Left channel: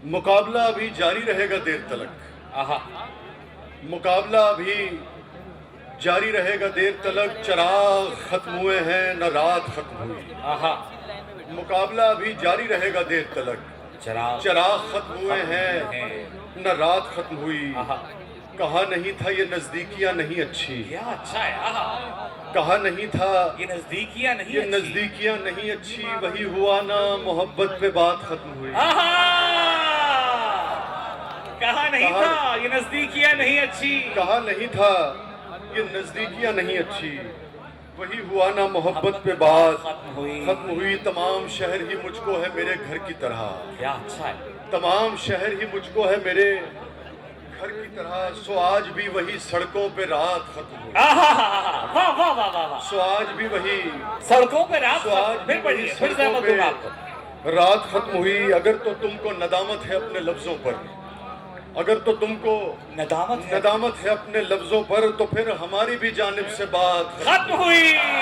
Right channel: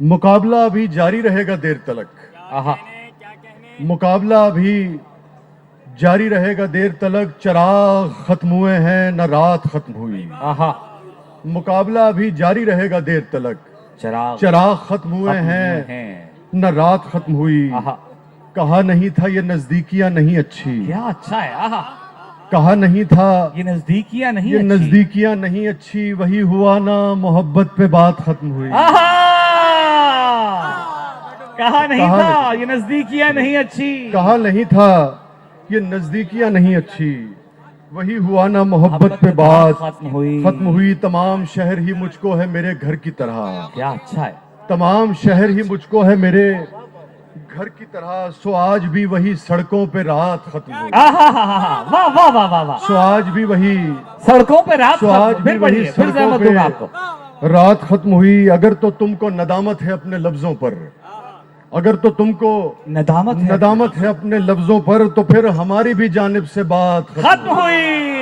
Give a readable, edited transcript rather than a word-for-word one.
मुकाबला अभी जारी रहेगा देर तलक। आहा, मुकाबला अभी जारी रहेगा देर तलक। चराग खत्म हुए हैं न रात खत्म हुई। आहा, मुकाबला अभी जारी रहेगा देर तलक। चराग चराग खत्म हुए हैं न रात खत्म हुई। आहा, कहा नहीं था ये नजदीकियां नहीं अच्छी। क्या अच्छा है। आहा, कहा नहीं था ये नजदीकियां नहीं ये अच्छी। नजदीकियां नहीं अच्छी। वही हुआ ना मोहब्बत पे बात खत्म हुई। आहा, कहा नहीं कहा था ये नजदीकियां नहीं अच्छी। कहा नहीं था ये नजदीकियां नहीं अच्छी। वही हुआ ना मोहब्बत पे बात खत्म हुई। खत्म हुई। तमाम शहर ही मुझको है मेरे घर की तरह। क्या अच्छा है। तमाम शहर ही मुझको है मेरे घर की तरह। सो आज भी वही सड़कों पे रात खत्म हुई। आहा, वाह वाह वाह वाह वाह। सो आज भी वही सड़कों पे रात सो आज खत्म। भी फिर वही पढ़िए, फिर सड़कों जहमत दूंगा आपको। पे रात खत्म हुई। अगर तो तुमको नदामत है अपने लफ्जों पर, अगर तो तुमको नदामत है। नदामत है अपने लफ्जों पर, तो फिर हमारी भी जानिब से बात खत्म हुई।